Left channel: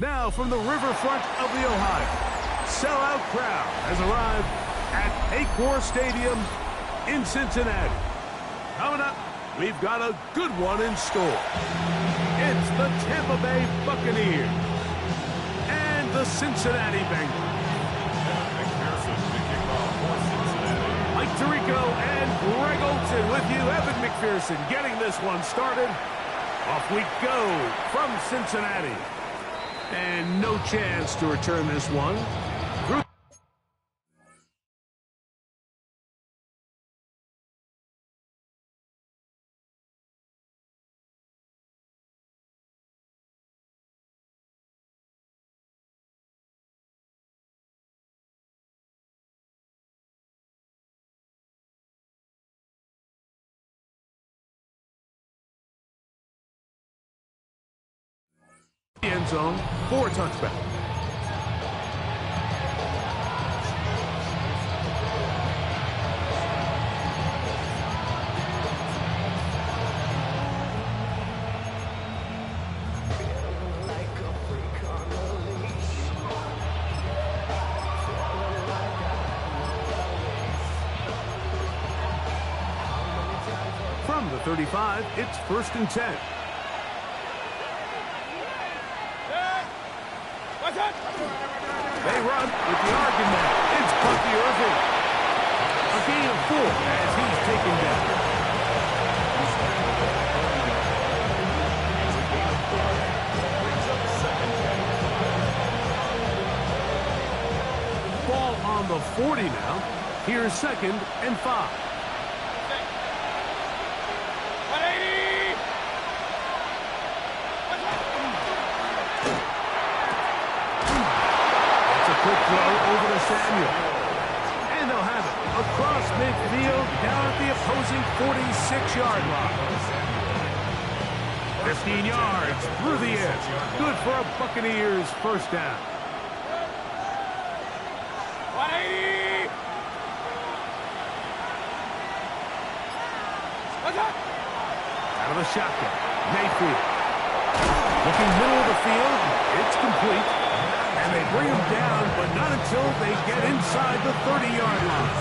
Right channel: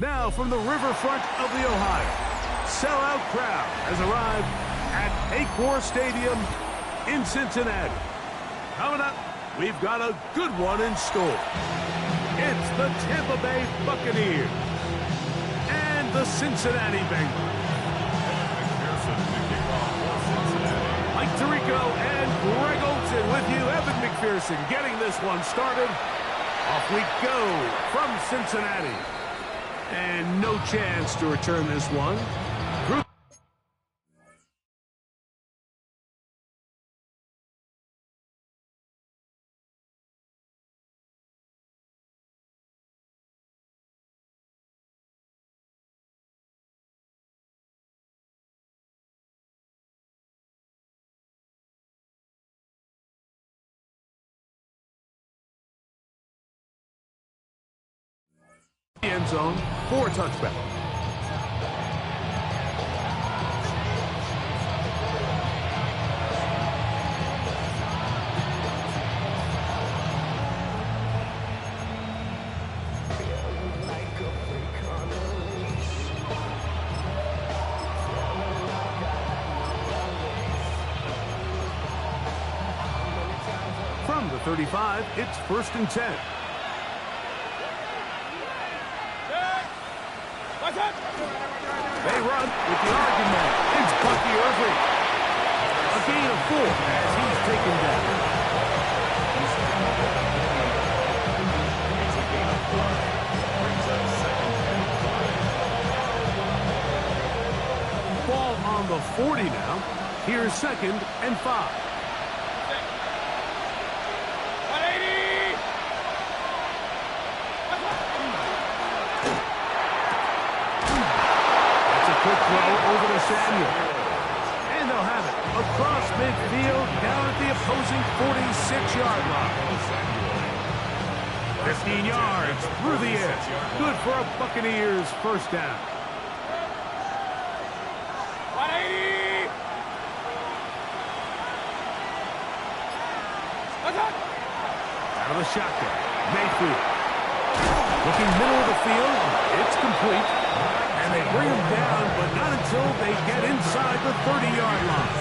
Now from the riverfront of the Ohio, sellout crowd has arrived at Paycor Stadium in Cincinnati. Coming up, we've got a good one in store. It's the Tampa Bay Buccaneers and the Cincinnati Bengals. McPherson to kick off for Cincinnati. Mike Tirico and Greg Olson with you. Evan McPherson getting this one started. Off we go from Cincinnati. And no chance to return this one. End zone for a touchback. From the 35, it's 1st and 10. They run with the argument. It's Bucky Irving. A gain of 4 as he's taken down. It's a gain of 5. Brings up 2nd and 5. Ball on the 40 now. Here's 2nd and 5. 180! Quick throw over to Samuel. And they'll have it across midfield down at the opposing 46-yard line. 15 yards through the air. Good for a Buccaneers first down. 180! Out of the shotgun. Mayfield. Looking middle of the field. It's complete. And they bring him down, but not until they get inside the 30-yard line.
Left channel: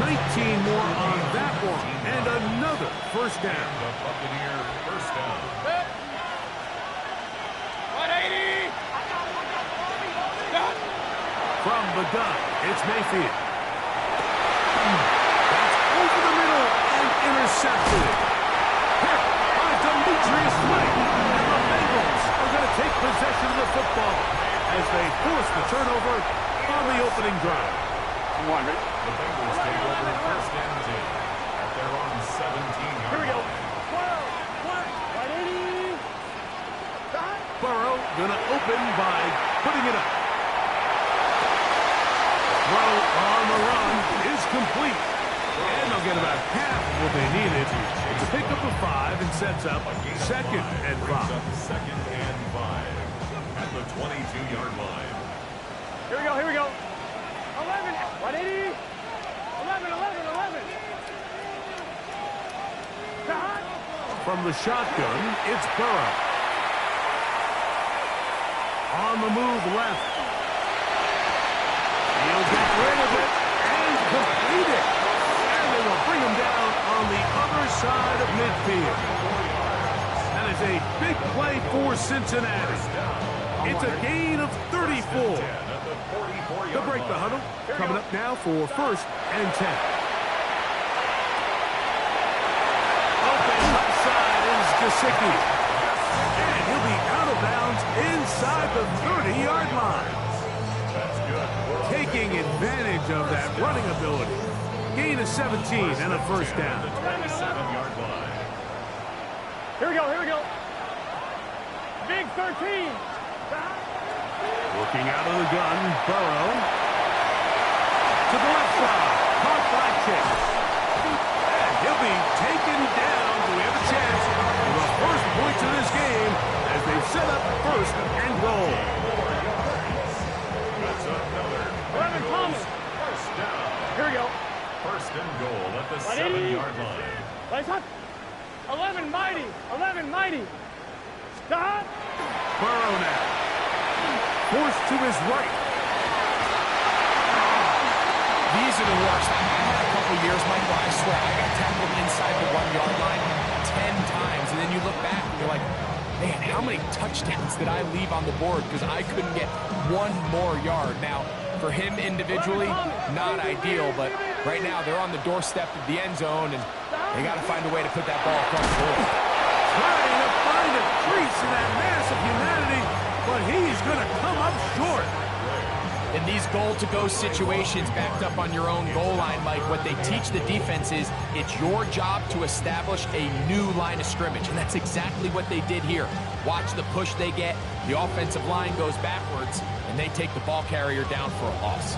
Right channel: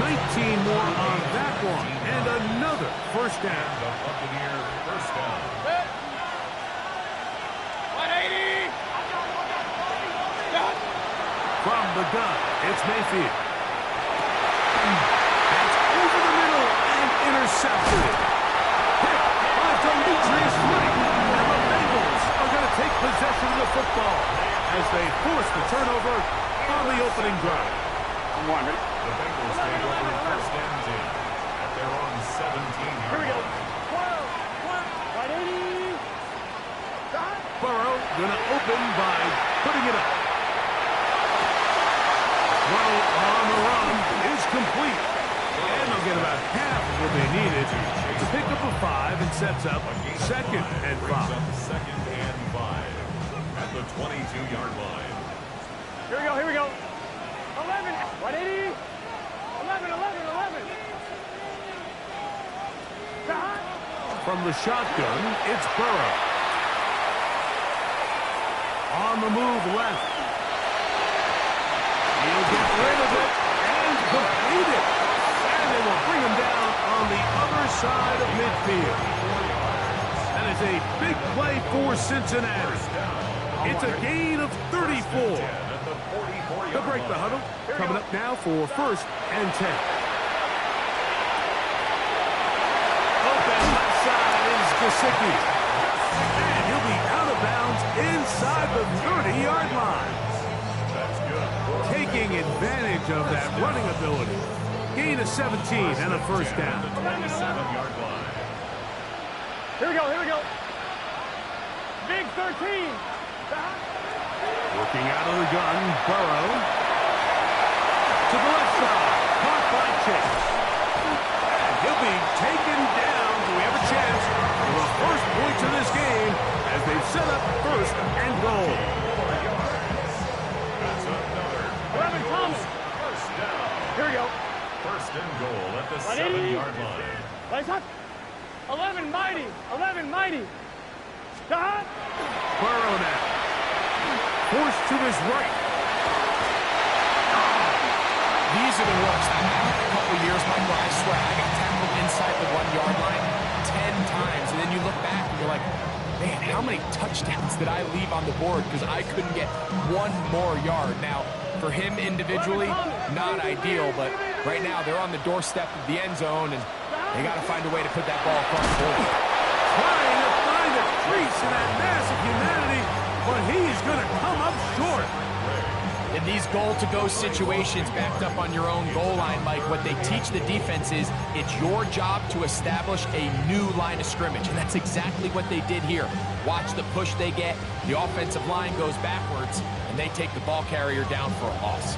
19 more on that one, and another first down. The Buccaneer first down. 180! From the gun, it's Mayfield. That's over the middle and intercepted. Hit by Demetrius White, and the Bengals are going to take possession of the football as they force the turnover on the opening drive. Ready? The Bengals take over 1st and 10 at their own 17-yard Here we go. line. 180! Burrow going to open by putting it up. Throw on the run is complete. And they'll get about half of what they needed. It's a pickup of 5 and sets up 2nd and 5. Brings up 2nd and 5 at the 22-yard line. Here we go, here we go. 11, 180, 11, 11, 11. From the shotgun, it's Burrow. On the move left. He'll get rid of it and complete it. And they will bring him down on the other side of midfield. That is a big play for Cincinnati. It's a gain of 34. They'll break the huddle. Coming up now for 1st and 10. Open left side is Gesicki. And he'll be out of bounds inside the 30-yard line. Taking advantage of that running ability. Gain of 17 and a first down. 27-yard line. Here we go, here we go. Big 13. Working out of the gun, Burrow. To the left side, caught by Chase. And he'll be taken down. We have a chance for the first points of this game as they've set up 1st and goal. That's another 11 Thomas. first down. Here we go. 1st and goal at the 180. 7-yard line. Lights up. 11 mighty. 11 mighty. Stop. Burrow now. Forced to his right. These are the worst. I had a couple years, Mike, where I swear I got tackled inside the 1 yard line 10 times. And then you look back and you're like, man, how many touchdowns did I leave on the board because I couldn't get one more yard? Now, for him individually, not ideal, but right now they're on the doorstep of the end zone, and they got to find a way to put that ball across the board. Trying to find a crease in that mass of humanity, but he's going to come up short. In these goal-to-go situations backed up on your own goal line, Mike, what they teach the defense is it's your job to establish a new line of scrimmage, and that's exactly what they did here. Watch the push they get. The offensive line goes backwards, and they take the ball carrier down for a loss.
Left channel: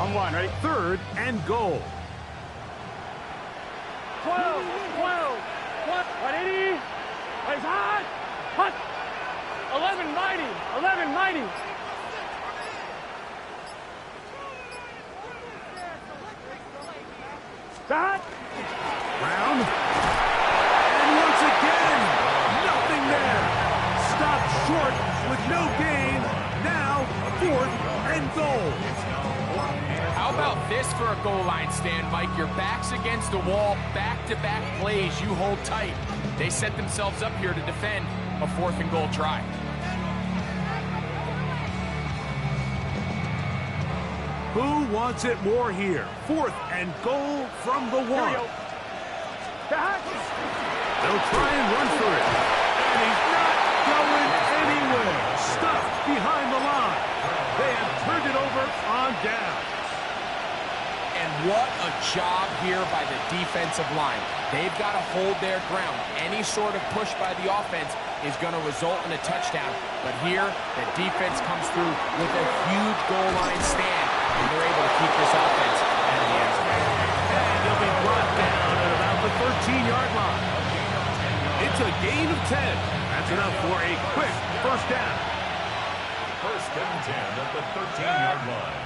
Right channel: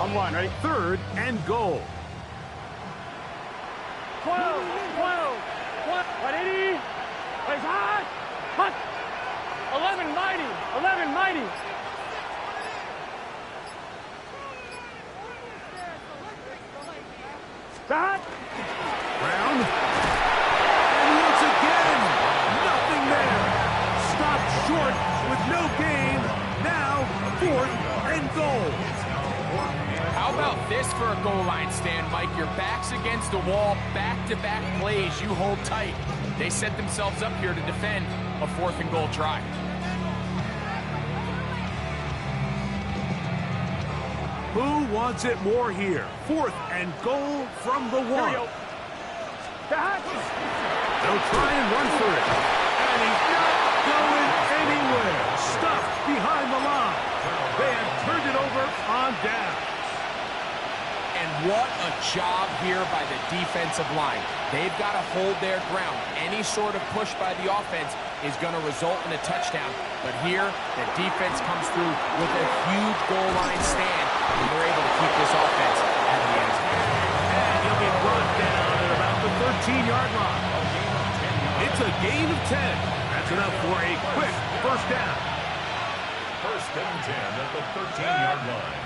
On one, ready? 3rd and goal. 12, 12, 180. Plays hot. Hot. 11 mighty. 11 mighty. Stop. Brown. And once again, nothing there. Stopped short with no gain. Now, 4th and goal. How about this for a goal line stand, Mike? Your back's against the wall, back-to-back plays, you hold tight. They set themselves up here to defend a 4th and goal try. Who wants it more here? 4th and goal from the 1. Here we go. Stop. They'll try and run for it. And he's not going anywhere. Stuffed behind the line. They have turned it over on down. And what a job here by the defensive line. They've got to hold their ground. Any sort of push by the offense is going to result in a touchdown. But here, the defense comes through with a huge goal line stand, and they're able to keep this offense out of the end zone. And he'll be brought down at about the 13-yard line. It's a gain of 10. That's enough for a quick first down. 1st and 10 at the 13-yard line.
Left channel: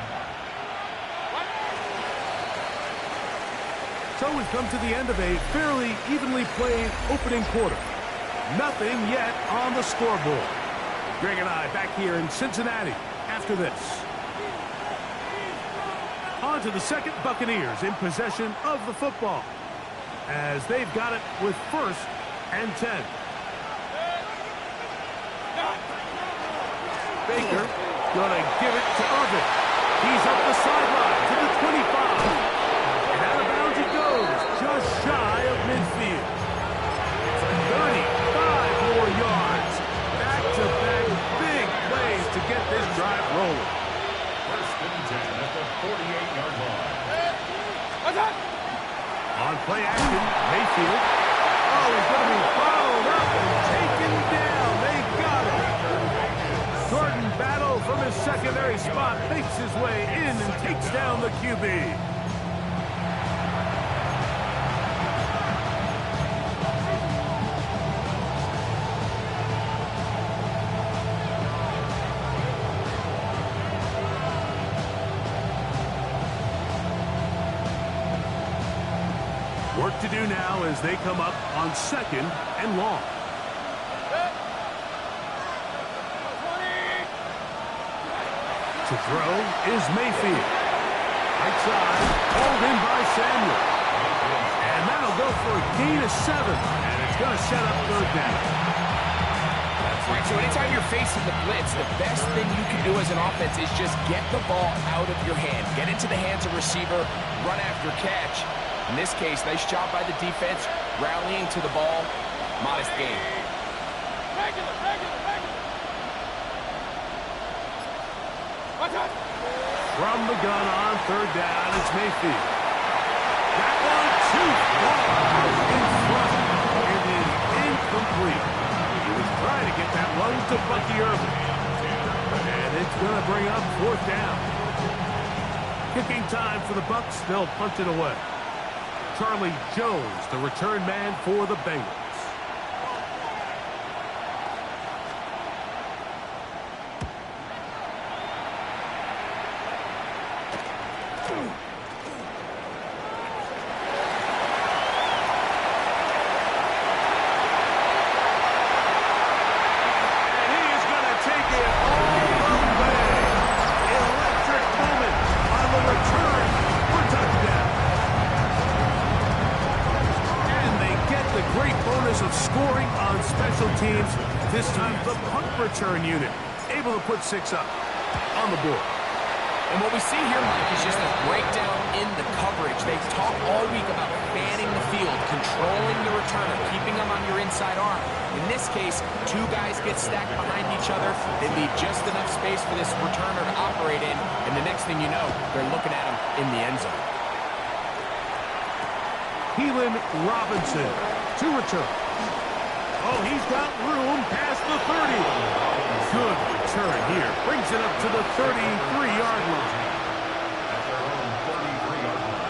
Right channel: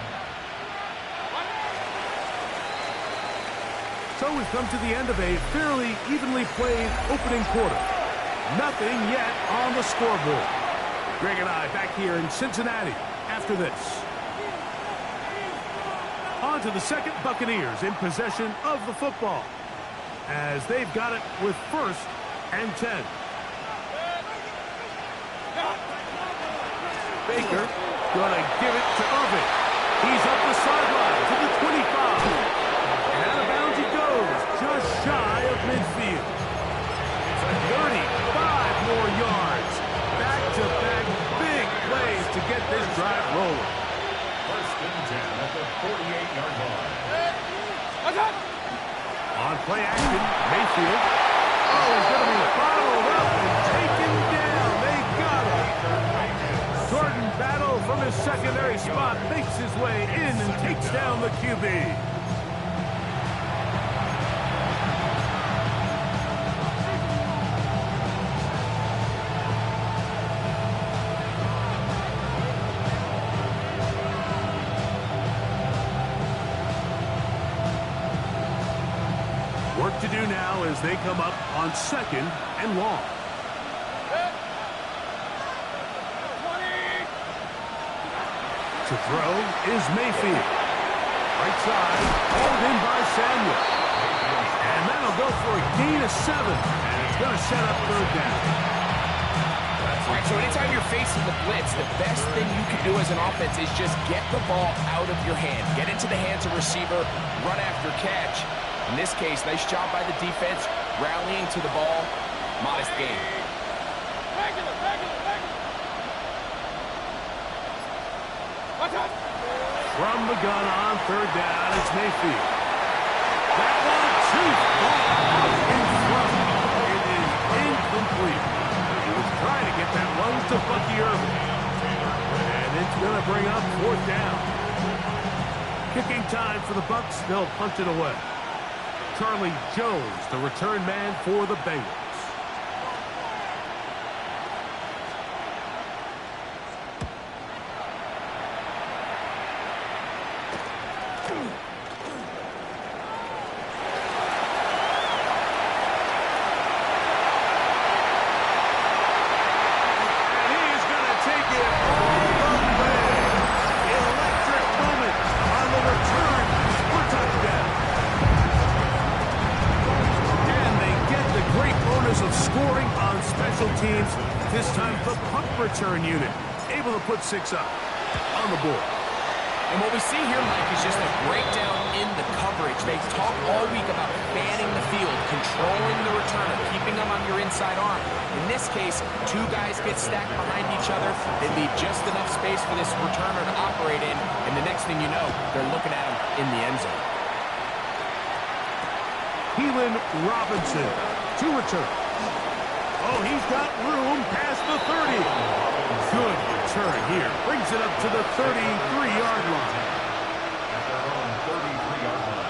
So we've come to the end of a fairly evenly played opening quarter. Nothing yet on the scoreboard. Greg and I back here in Cincinnati after this. On to the second, Buccaneers in possession of the football as they've got it with 1st and 10. Baker gonna give it to Irvin. He's up the sideline to the 25. And out of bounds he goes, just shy of midfield. 35 more yards. Back-to-back big plays to get this drive rolling. 1st and 10 at the 48-yard line. On play action, Mayfield. Oh, he's going to be bottled up and taken down. They got him. Jordan Battle from his secondary spot makes his way in and takes down the QB. Work to do now as they come up on 2nd and long. To throw is Mayfield. Right side, hauled in by Samuel. And that'll go for a gain of 7. And it's going to set up 3rd down. All right, so anytime you're facing the blitz, the best thing you can do as an offense is just get the ball out of your hand. Get into the hands of receiver, run after catch. In this case, nice job by the defense, rallying to the ball. Modest gain. Regular. From the gun on 3rd down, it's Mayfield. That one too far out in front. It is incomplete. He was trying to get that one to Bucky Irvin. And it's going to bring up 4th down. Kicking time for the Bucs. They'll punt it away. Charlie Jones, the return man for the Bengals. promise of scoring on special teams. This time, the punt return unit able to put 6 up on the board. And what we see here, Mike, is just a breakdown in the coverage. They talk all week about fanning the field, controlling the returner, keeping them on your inside arm. In this case, 2 guys get stacked behind each other. They leave just enough space for this returner to operate in, and the next thing you know, they're looking at him in the end zone. Keelan Robinson to return. Oh, he's got room past the 30. Good return here. Brings it up to the 33-yard line. At their own 33-yard line.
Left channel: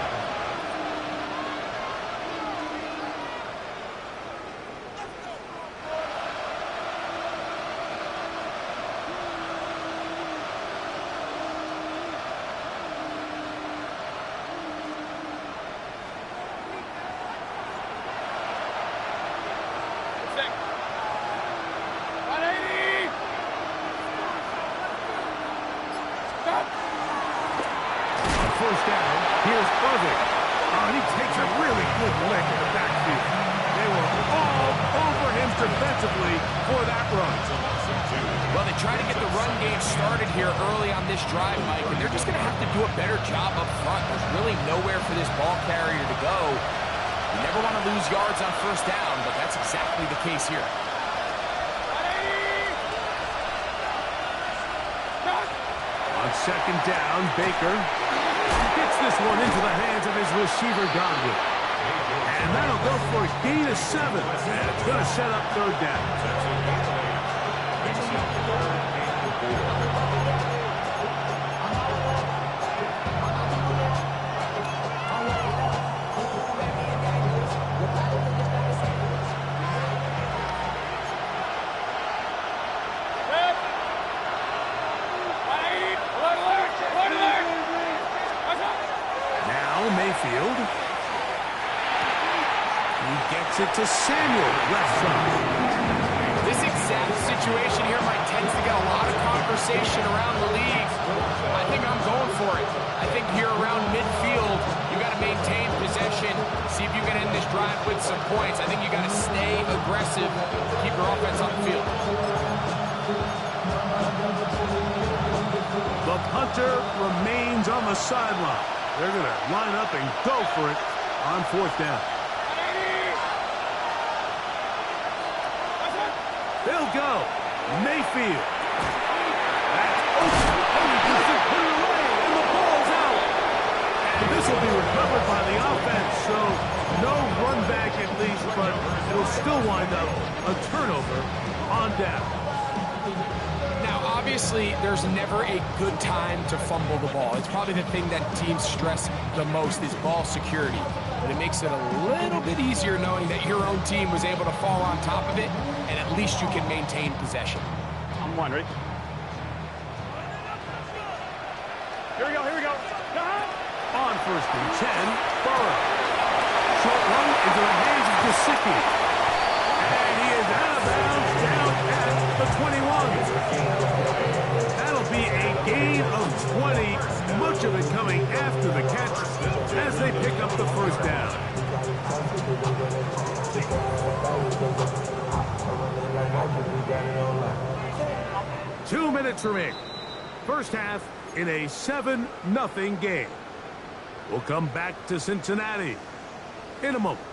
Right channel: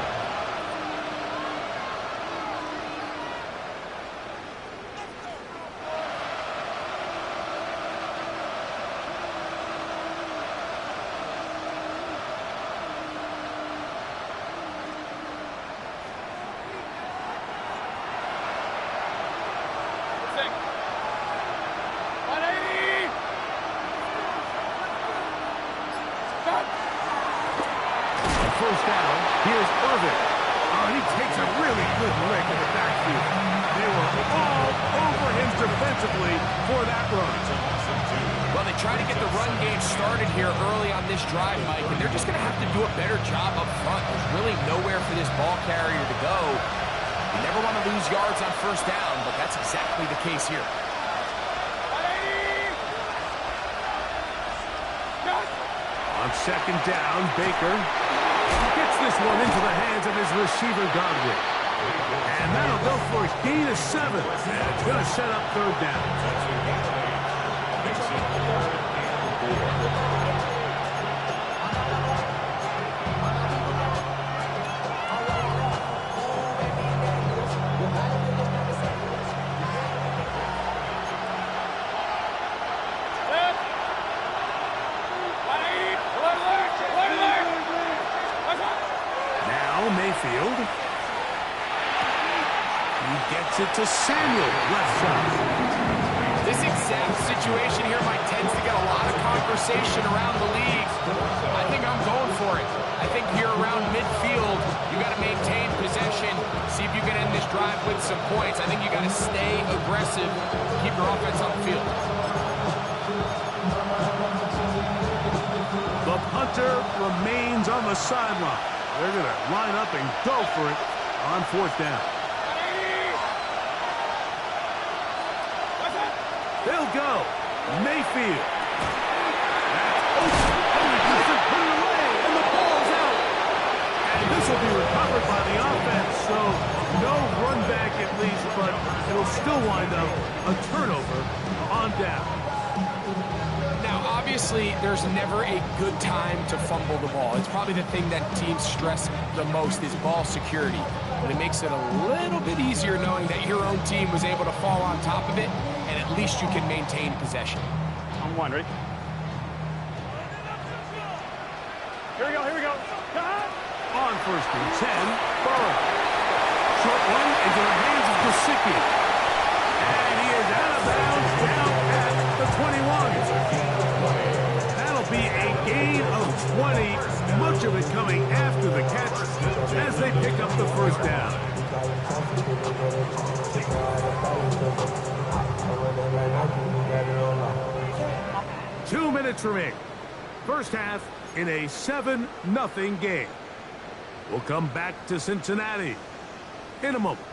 First down, here's Irving. Oh, and he takes a really good lick in the backfield. They were all over him defensively for that run. Well, they try to get the run game started here early on this drive, Mike, and they're just going to have to do a better job up front. There's really nowhere for this ball carrier to go. You never want to lose yards on first down, but that's exactly the case here. On second down, Baker gets this one into the hands of his receiver, Godwin. And that'll go for a gain of 7. And it's going to set up third down. Makes it 3rd and 4. Now Mayfield. He gets it to Samuel, left side. This exact situation here, Mike, tends to get a lot of conversation around the league. I think I'm going for it. I think here around midfield, you got to maintain possession, see if you can end this drive with some points. I think you got to stay aggressive, keep your offense on the field. The punter remains on the sideline. They're going to line up and go for it on fourth down. They'll go. Mayfield. That's open. Oh, he doesn't put it away, and the ball's out. And this will be recovered by the offense, so no run back at least, but it'll still wind up a turnover on down. Now, obviously, there's never a good time to fumble the ball. It's probably the thing that teams stress the most is ball security. But it makes it a little bit easier knowing that your own team was able to fall on top of it, and at least you can maintain possession. On one, ready? Here we go, here we go. On first and 10, Burrow. Short one into the hands of Gesicki. And he is out of bounds down at the 21. That'll be a gain of 20, much of it coming after the catch as they pick up the first down. 2 minutes remaining. First half in a 7-0 game. We'll come back to Cincinnati in a moment.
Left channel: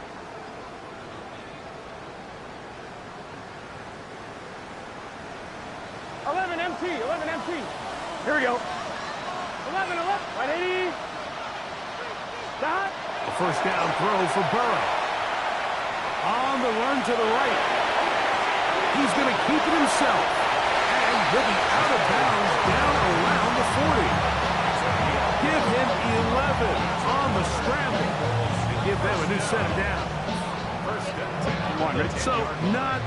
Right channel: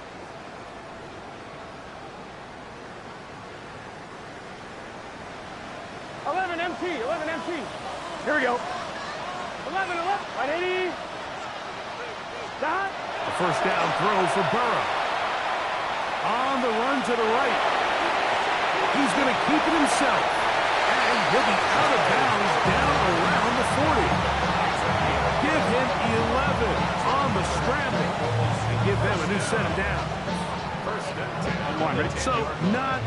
MT. Here we go. 11, 180. Stop. A first down throw for Burrow. On the run to the right. He's going to keep it himself. And he'll be out of bounds down around the 40. Give him 11 on the scramble. And give them a new set of downs. One, ready? So not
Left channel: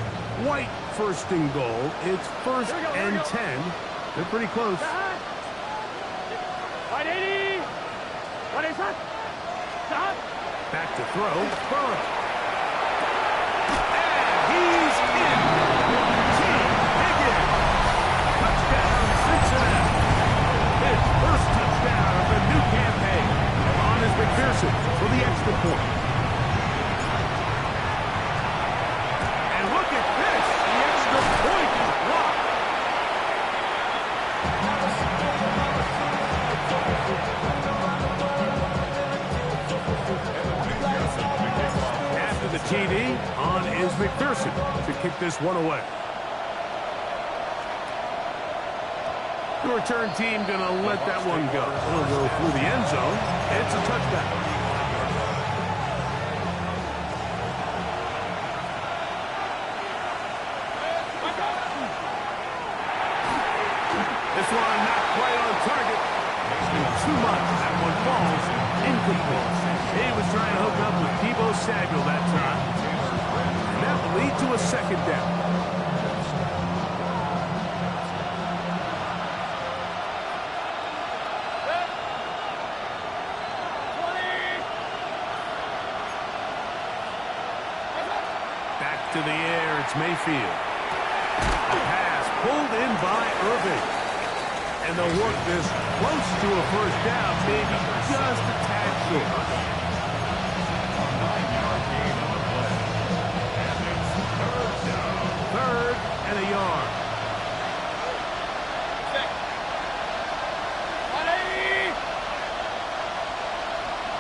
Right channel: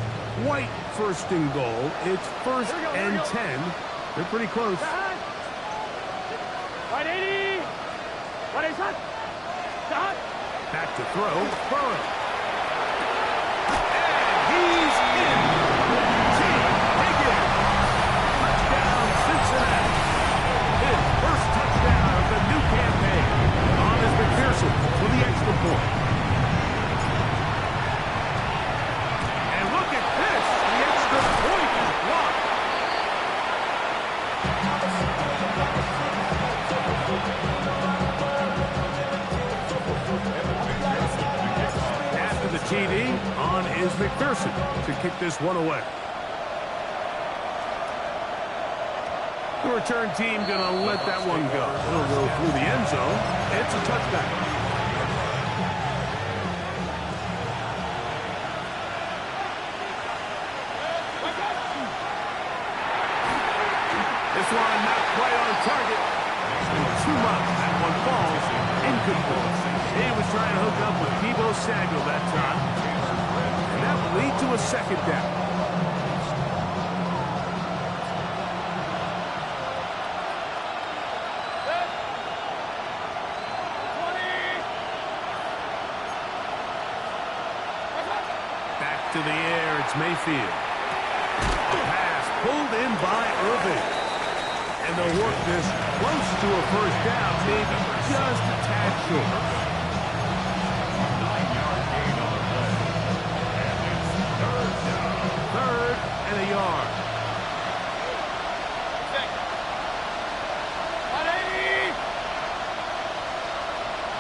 quite first and goal. It's first and 10. They're pretty close. 180. 180. Stop. Back to throw. Burrow. And he's in. Team Higgins. Touchdown, Cincinnati. His first touchdown of the new campaign. On is McPherson for the extra point. TD on is McPherson to kick this one away. The return team going to let that one go. It'll go through the end zone. It's a touchback. This one not quite on target. Too much. That one falls incomplete. He was trying to hook up with Deebo Samuel that time. And that will lead to a second down. Back to the air. It's Mayfield. A pass pulled in by Irving. And they'll work this close to a first down, maybe just a tad short. A 9-yard gain on the play. And it's third down. Third and a yard.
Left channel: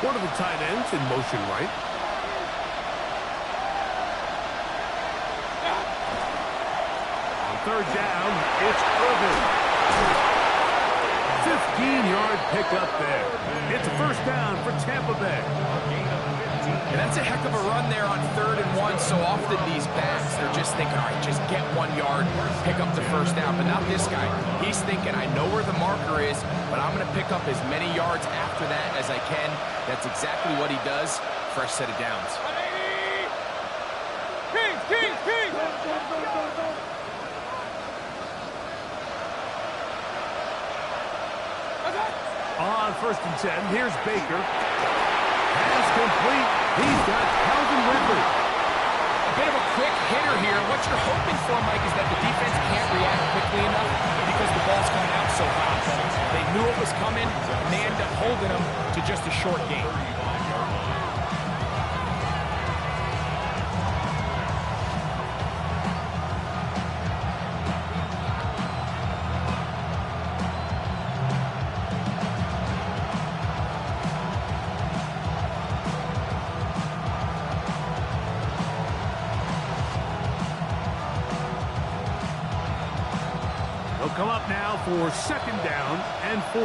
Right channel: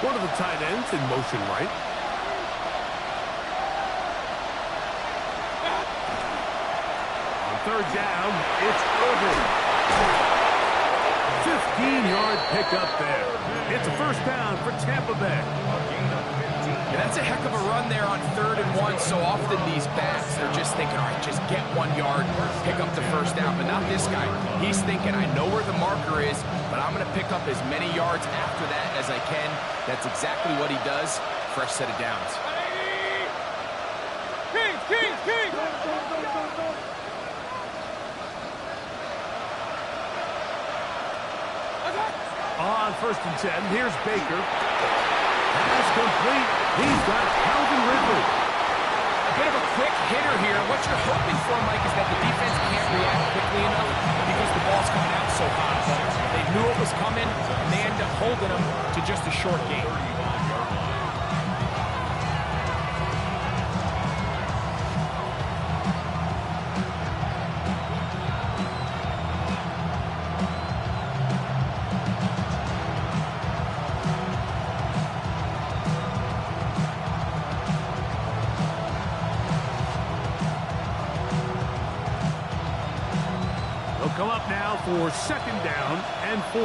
One of the tight ends in motion right. On third down, it's Irving. 15-yard pickup there. It's a first down for Tampa Bay. And that's a heck of a run there on 3rd and 1. So often these backs, they're just thinking, all right, just get 1 yard, pick up the first down. But not this guy. He's thinking, I know where the marker is, but I'm going to pick up as many yards after that as I can. That's exactly what he does. Fresh set of downs. Kings! On 1st and 10, here's Baker. Pass complete. He's got Calvin Ridley. A bit of a quick hitter here. What you're hoping for, Mike, is that the defense can't react quickly enough because the ball's coming out so hot. But they knew it was coming, and they end up holding them to just a short gain. They'll come up now for 2nd down and 4.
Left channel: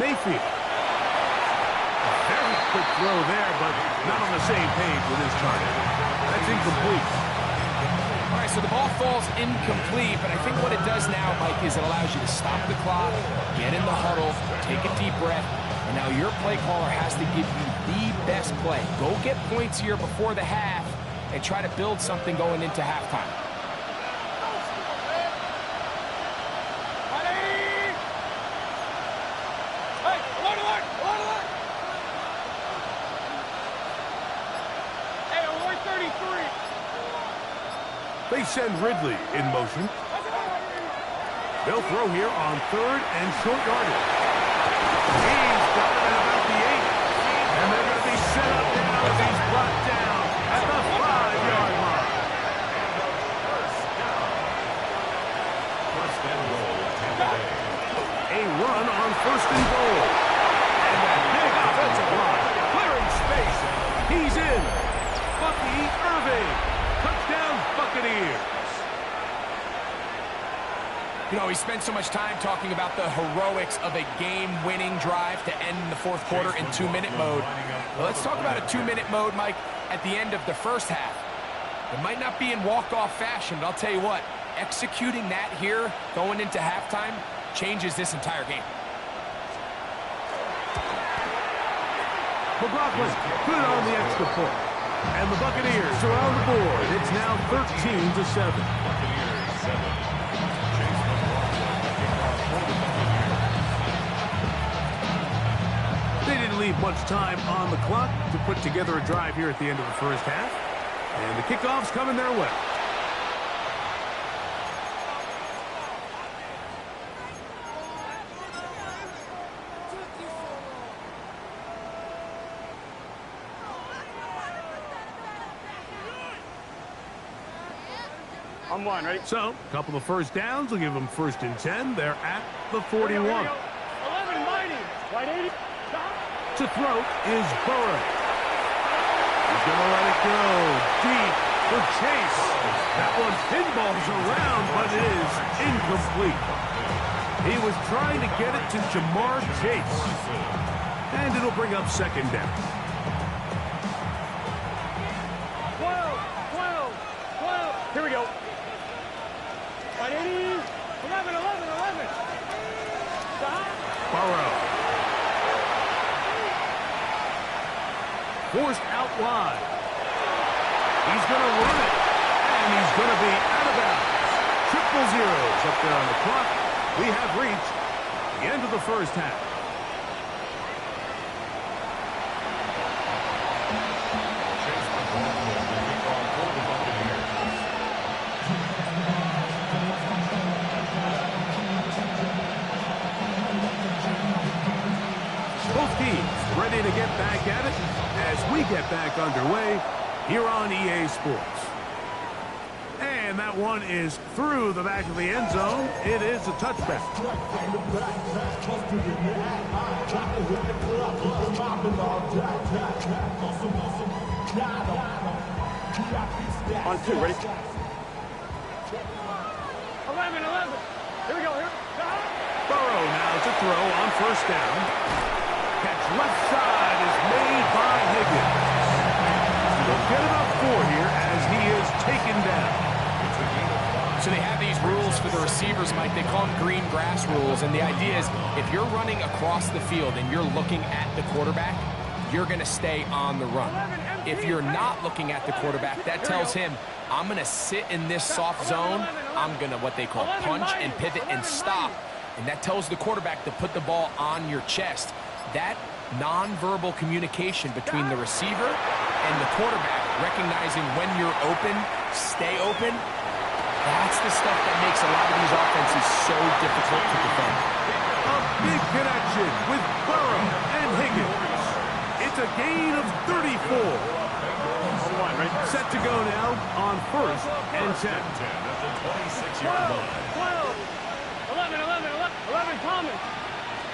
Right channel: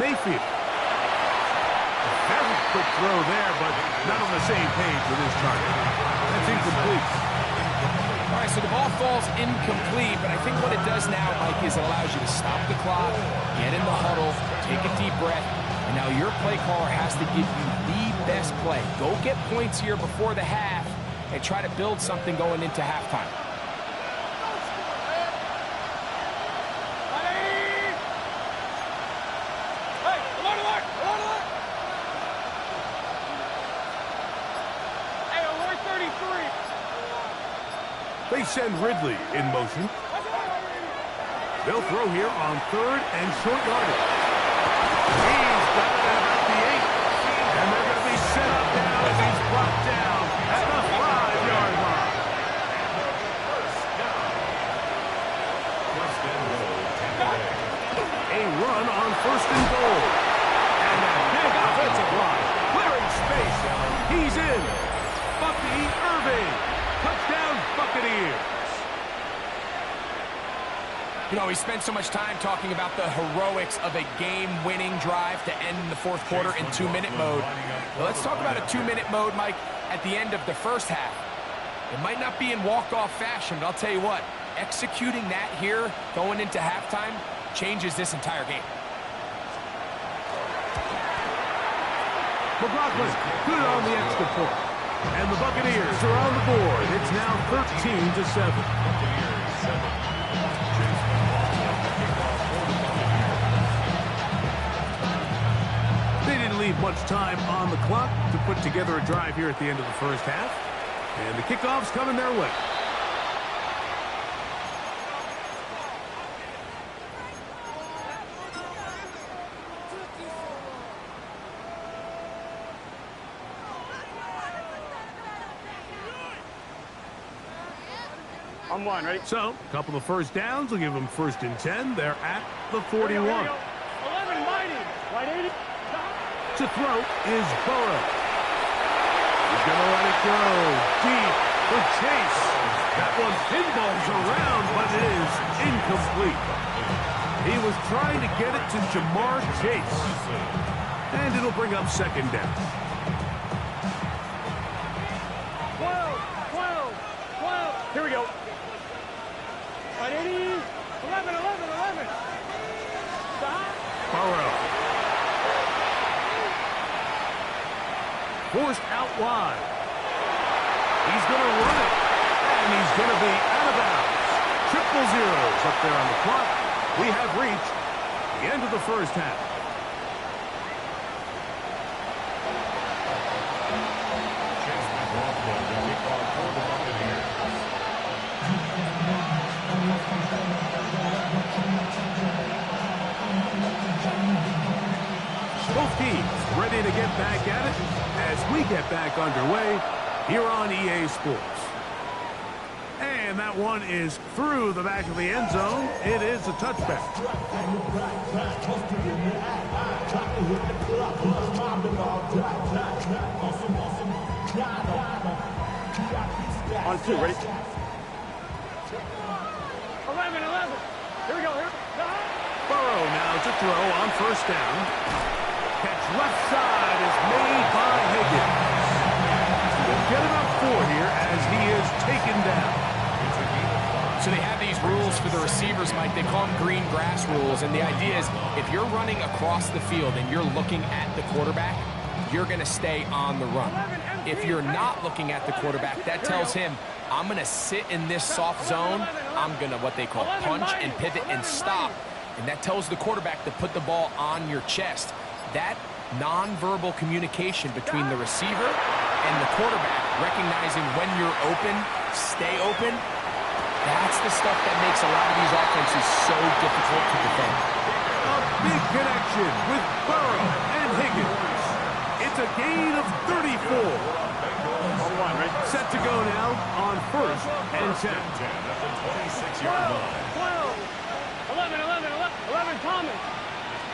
Mayfield. A very quick throw there, but not on the same page with his target. That's incomplete. All right, so the ball falls incomplete, but I think what it does now, Mike, is it allows you to stop the clock, get in the huddle, take a deep breath, and now your play caller has to give you the best play. Go get points here before the half and try to build something going into halftime. They send Ridley in motion. They'll throw here on 3rd and short yardage. He's got it at about the 8. And they're going to be set up now as he's brought down at the 5-yard line. And the first down. First and goal, Tampa Bay. A run on 1st and goal. And that big offensive line clearing space. He's in. Bucky Irving. Touchdown, Buccaneers. You know, we spent so much time talking about the heroics of a game-winning drive to end in the 4th quarter in 2-minute mode. Well, let's talk about a 2-minute mode, Mike, at the end of the first half. It might not be in walk-off fashion, but I'll tell you what, executing that here going into halftime changes this entire game. McLaughlin, good on the extra point. And the Buccaneers are on the board. It's now 13-7. Buccaneers 7. Chase McLaughlin, the kickoff for the Buccaneers. They didn't leave much time on the clock to put together a drive here at the end of the first half. And the kickoff's coming their way. On one, ready? So, a couple of first downs will give them 1st and 10. They're at the 41. 11 mighty. White 80. Stop. To throw is Burrow. He's going to let it go deep for Chase. That one pinballs around, but it is incomplete. He was trying to get it to Jamar Chase. And it'll bring up 2nd down. 12. Here we go. White 80. 11. Stop. Burrow. Forced out wide. He's going to run it. And he's going to be out of bounds. 0-0 up there on the clock. We have reached the end of the first half. Chase McLaughlin to kick off for the Buccaneers. Both teams ready to get back at it as we get back underway here on EA Sports. And that one is through the back of the end zone. It is a touchback. On 2, ready? 11. Here we go. Here. Stop. Burrow now to throw on 1st down. Catch left side is made by Higgins. He'll get about 4 here as he is taken down. So they have these rules for the receivers, Mike. They call them green grass rules. And the idea is if you're running across the field and you're looking at the quarterback, you're going to stay on the run. If you're not looking at the quarterback, that tells him, I'm going to sit in this soft zone. I'm going to what they call punch and pivot and stop. And that tells the quarterback to put the ball on your chest. That nonverbal communication between the receiver and the quarterback, recognizing when you're open, stay open, that's the stuff that makes a lot of these offenses so difficult to defend. A big connection with Burrow and Higgins. It's a gain of 34. On 1, ready? Set to go now on 1st and 10. At the 26-yard line. 12. 11. Thomas.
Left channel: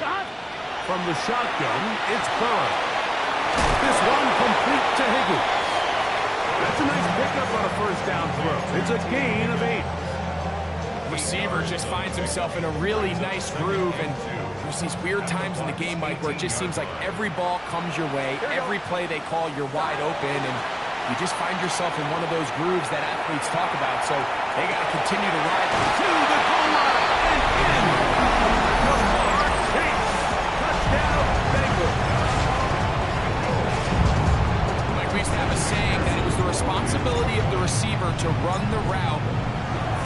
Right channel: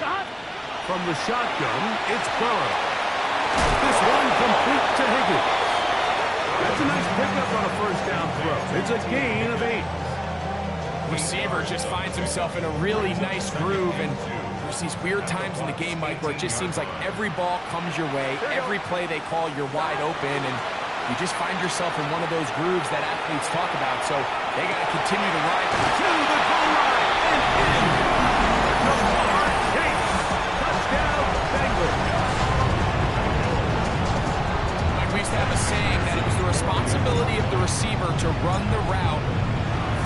Stop. From the shotgun, it's Burrow. This one complete to Higgins. That's a nice pickup on a 1st down throw. It's a gain of 8. Receiver just finds himself in a really nice groove, and there's these weird times in the game, Mike, where it just seems like every ball comes your way, every play they call, you're wide open, and you just find yourself in one of those grooves that athletes talk about, so they got to continue to ride To the goal line and in. Jamar Chase. Touchdown, Bengals. Like we used to have a saying that it was the responsibility of the receiver to run the route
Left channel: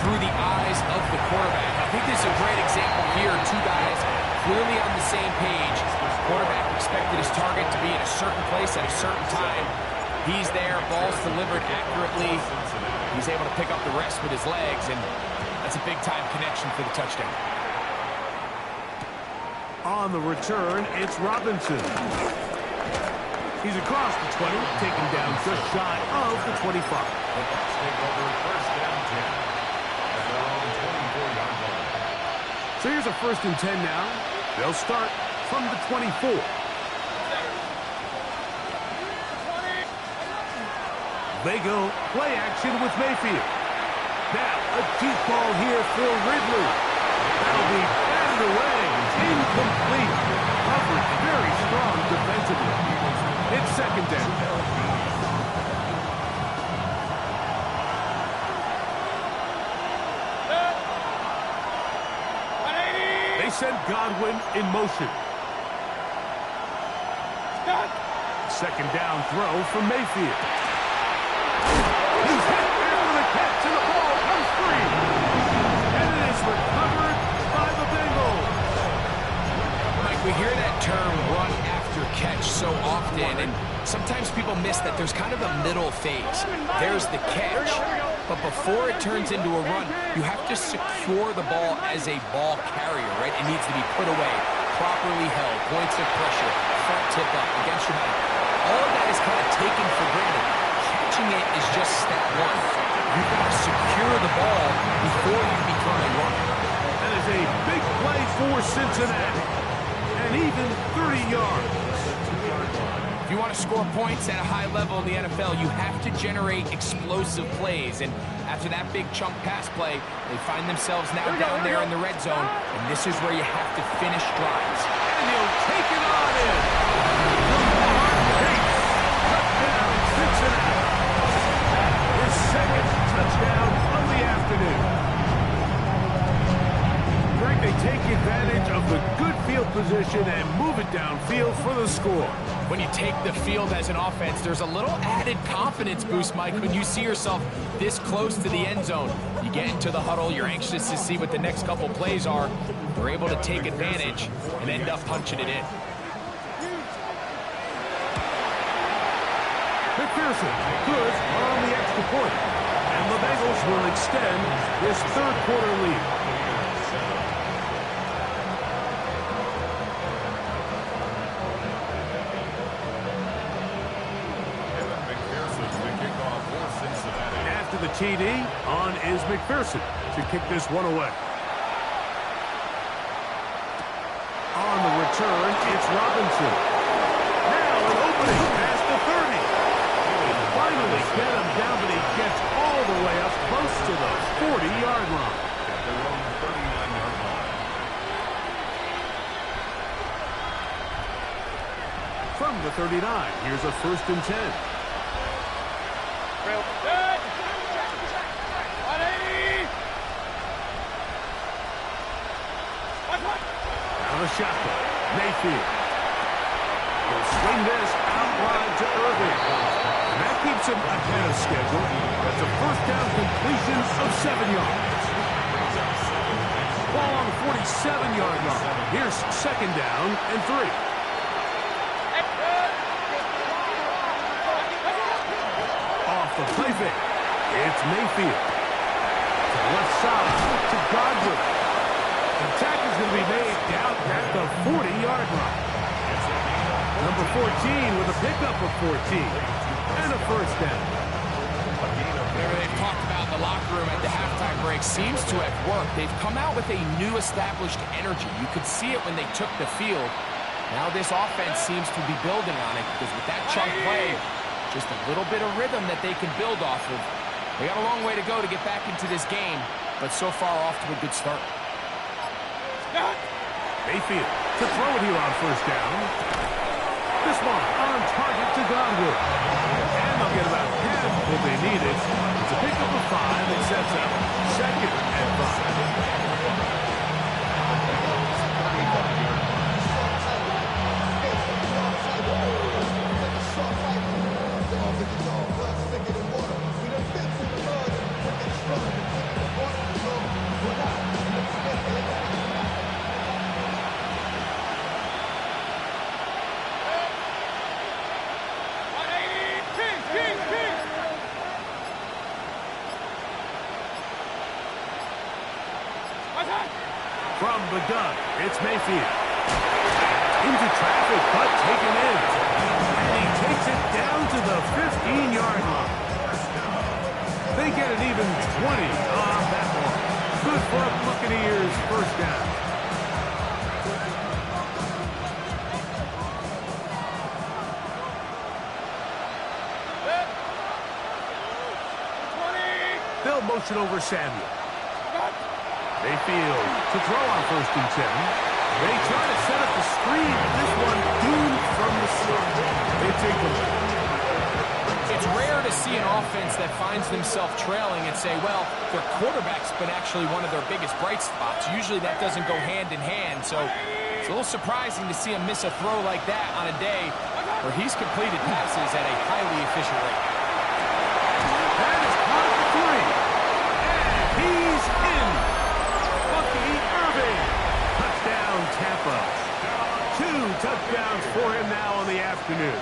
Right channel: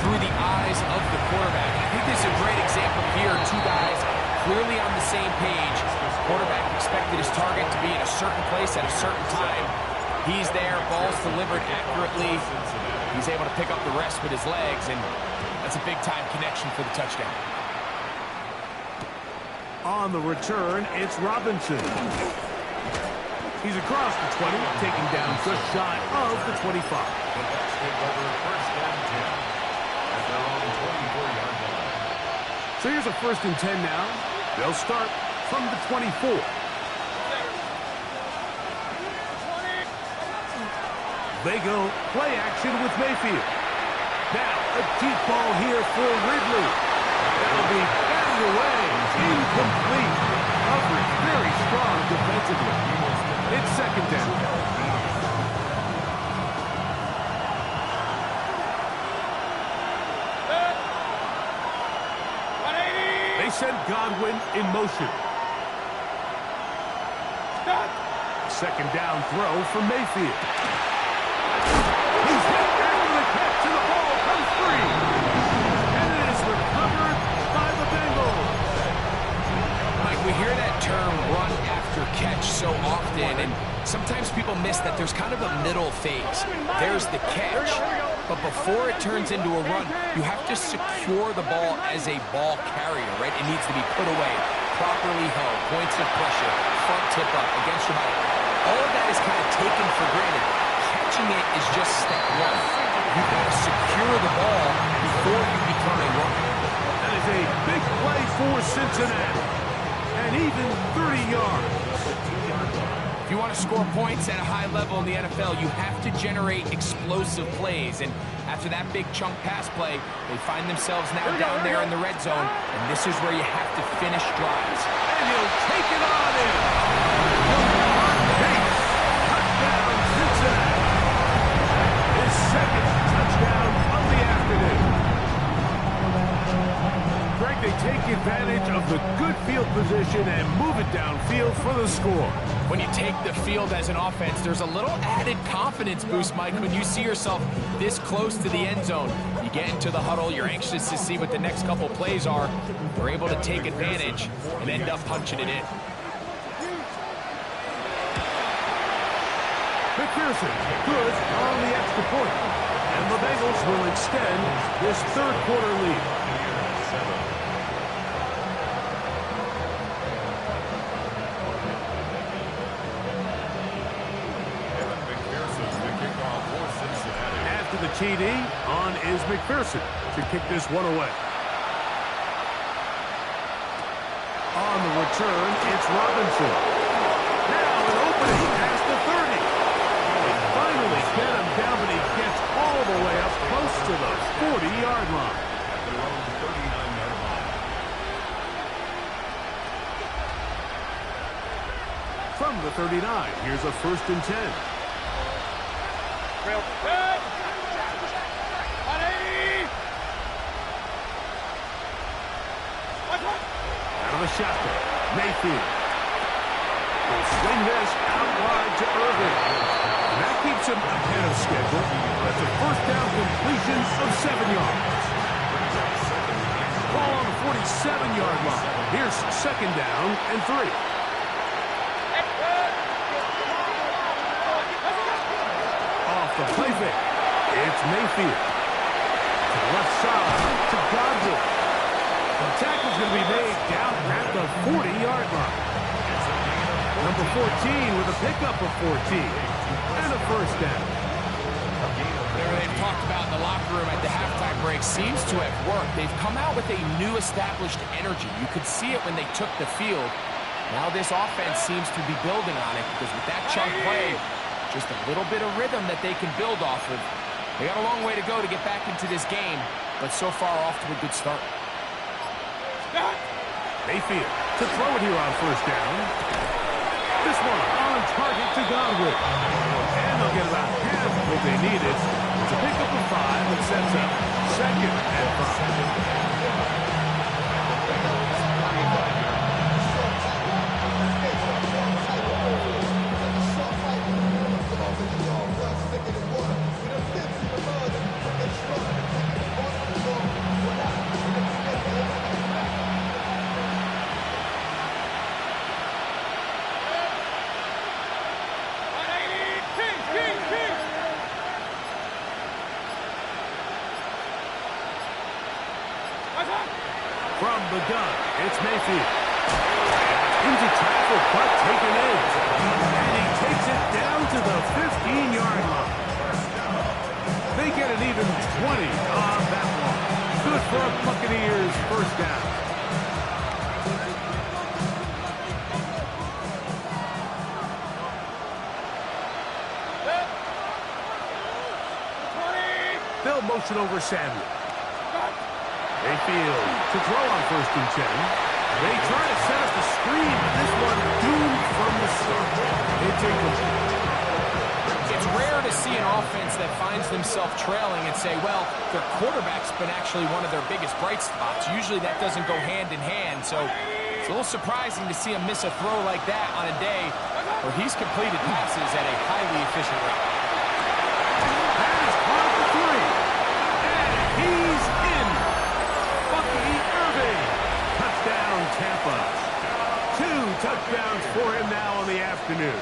through the eyes of the quarterback. I think this is a great example here. 2 guys clearly on the same page. Quarterback expected his target to be in a certain place at a certain time. He's there, ball's delivered accurately. He's able to pick up the rest with his legs, and that's a big-time connection for the touchdown. On the return, it's Robinson. He's across the 20, taken down just shy of the 25. The Bucs take over 1st and 10. At their own 24-yard line. So here's a 1st and 10 now. They'll start from the 24. They go play action with Mayfield. Now a deep ball here for Ridley. That'll be batted away. Incomplete. Coverage very strong defensively. It's 2nd down. They send Godwin in motion. 2nd down throw for Mayfield. He's hit after the catch, and the ball comes free. And it is recovered by the Bengals. Mike, we hear that term run after catch so often, and sometimes people miss that there's kind of a middle phase. There's the catch, but before it turns into a run, you have to secure the ball as a ball carrier, right? It needs to be put away, properly held, points of pressure, front tip up against your body. All of that is kind of taken for granted. Catching catching it is just step one. You've got to secure the ball before you become a runner. That is a big play for Cincinnati. And even 30 yards. If you want to score points at a high level in the NFL, you have to generate explosive plays. And after that big chunk pass play, they find themselves now down there in the red zone. And this is where you have to finish drives. And he'll take it on in. Jamar Chase. Touchdown, Cincinnati. That is second touchdown of the afternoon. Greg, they take advantage of the good field position and move it downfield for the score. When you take the field as an offense, there's a little added confidence boost, Mike, when you see yourself this close to the end zone. You get into the huddle, you're anxious to see what the next couple plays are. We're able to take advantage and end up punching it in. McPherson, good on the extra point. And the Bengals will extend this third quarter lead. After the TD, on is McPherson to kick this one away. On the return, it's Robinson. Now an opening past the 30. They finally get him down, but he gets all the way up close to the 40-yard line. At their own 39-yard line. From the 39, here's a 1st and 10. Real good. 180. Out of the shotgun, Mayfield will swing this out wide to Irving. And that keeps him ahead of schedule. That's a first down completion of 7 yards. Ball on the 47-yard line. Here's second down and 3. Off the play fake. It's Mayfield. To the left side to Godwin. The tackle's going to be made down at the 40-yard line. Number 14 with a pickup of 14. And a first down. Whatever they've talked about in the locker room at the halftime break seems to have worked. They've come out with a new established energy. You could see it when they took the field. Now this offense seems to be building on it because with that chunk play, just a little bit of rhythm that they can build off of. They got a long way to go to get back into this game, but so far off to a good start. Mayfield to throw it here on first down. This one on target to Godwin. And they'll get about half what they needed. It's a pickup of 5 and sets up second and 5. From the gun, it's Mayfield. Into traffic, but taken in. And he takes it down to the 15-yard line. They get an even 20 on that one. Good for a Buccaneers first down. They'll motion over Samuel. Mayfield to throw on first and 10. They try to set up the screen, but this one doomed from the start. It's incomplete. It's rare to see an offense that finds themselves trailing and say, well, their quarterback's been actually one of their biggest bright spots. Usually that doesn't go hand in hand, so it's a little surprising to see him miss a throw like that on a day where he's completed passes at a highly efficient rate. That is caught at the 3. And he's in. Bucky Irving. Touchdown, Tampa. 2 touchdowns for him now on the afternoon.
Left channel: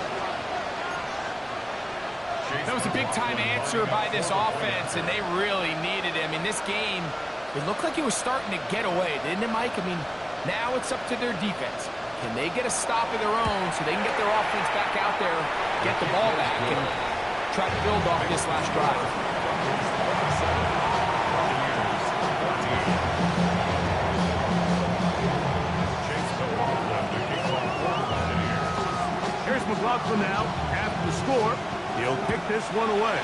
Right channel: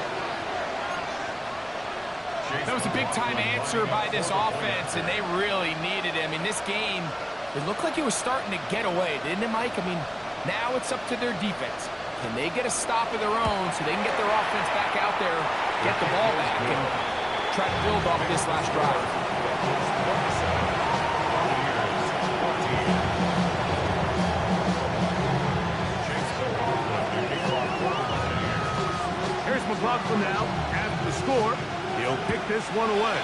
That was a big-time answer by this offense, and they really needed him. In this game, it looked like it was starting to get away, didn't it, Mike? I mean, now it's up to their defense. Can they get a stop of their own so they can get their offense back out there, get the ball back? And try to build off this last drive. Here's McLaughlin now. After the score, he'll kick this one away.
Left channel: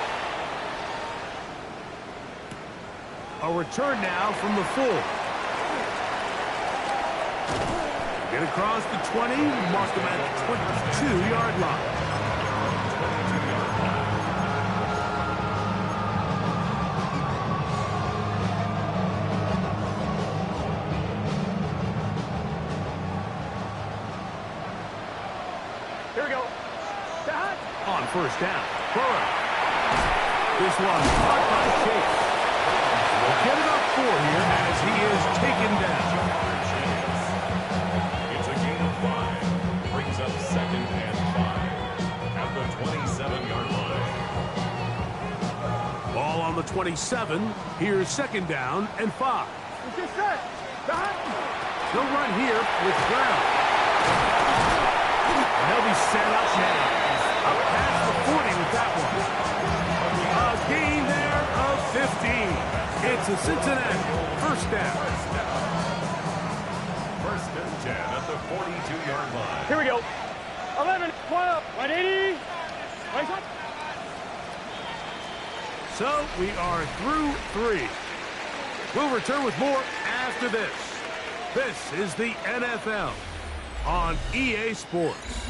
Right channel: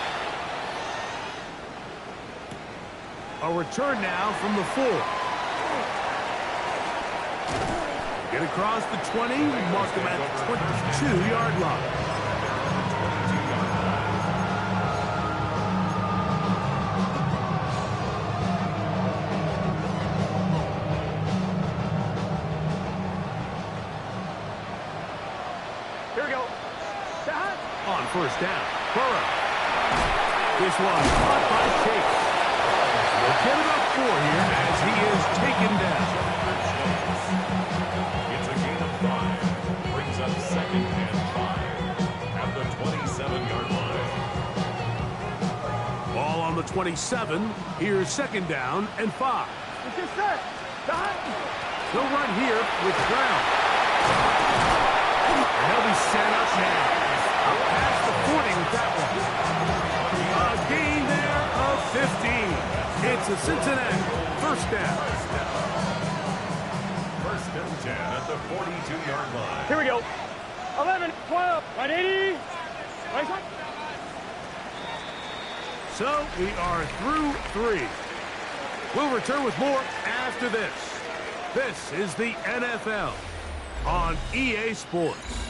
A return now from the 4. Get across the 20, mark him at the 22-yard line. Here we go. On first down, Burrow. This one caught by Chase. They'll get it up 4 here as he is taken down. It's a gain of 5. Brings up 2nd and 5 at the 27-yard line. Ball on the 27. Here's 2nd down and 5. They'll run here with Brown. And they'll be set up now. Up past the 40 with that one. A gain there of 15. It's a Cincinnati first down. 1st and 10 at the 42-yard line. Here we go. 11, 12, 180. So we are through 3. We'll return with more after this. This is the NFL on EA Sports.